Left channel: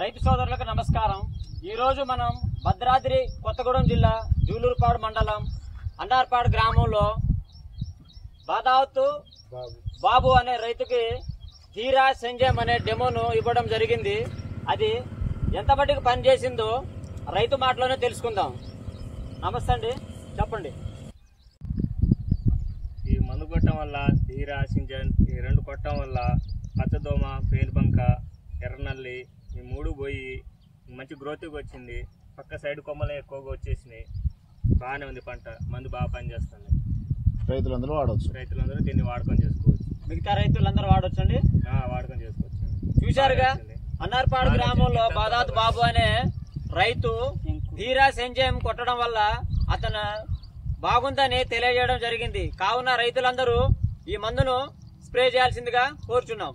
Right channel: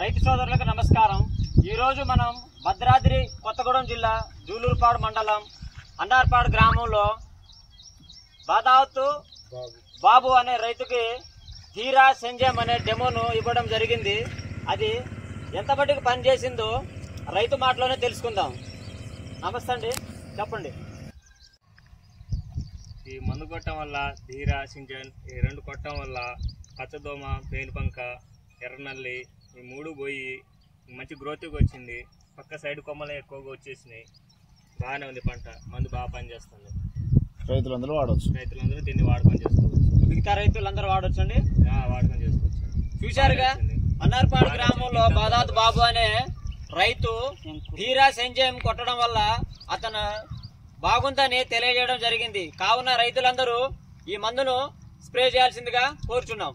రైతు సోదరులకు నమస్కారం। ఈ రోజు మనం భద్రాద్రి కొత్తగూడెం జిల్లా జూలూరుపాడు మండలం అన్నార్పాడు గ్రామంలో బాదావతు బాబు అనే రైతుకి ధీరా సంజయం అనే డెమోను ఇవ్వడం జరిగింది। అది ఎంత మటుకు పని చేసిందో రైతు మాటలోనే తెలుసుకుందాం। నమస్తే అండి, చెప్పండి। ఈ మందు కొట్టడం వల్ల ధీరా సింజన్ ఈ రెండు కొట్టడం వల్ల పచ్చదోమ, పేనుబంక, ఎర్రనల్లి ఈ మూడు పోయి మంచి గ్రోత్కి వచ్చింది। పక్క సైడ్ కొమ్మలు ఎక్కువగా వచ్చేసినాయి। బాగానే ఉంది పంట, మందు బాగా పనిచేస్తుంది। రైతులందరూ దీన్ని వాడుకొని చేసుకోవచ్చు। మిగతా రైతులందరూ వాడొచ్చు అండి, వాడుకొని చేసుకోవచ్చు। చూశారుగా అన్నార్పాడు గ్రామంలో బాదావతు బాబు అనే రైతు ధీరా సంజయం కొట్టడం వల్ల అతను బాగుందని తెలియజేయడం జరిగింది। కావున రైతులందరూ ఈ మందును స్ప్రే చేయాల్సిందిగా కోరుచున్నాం।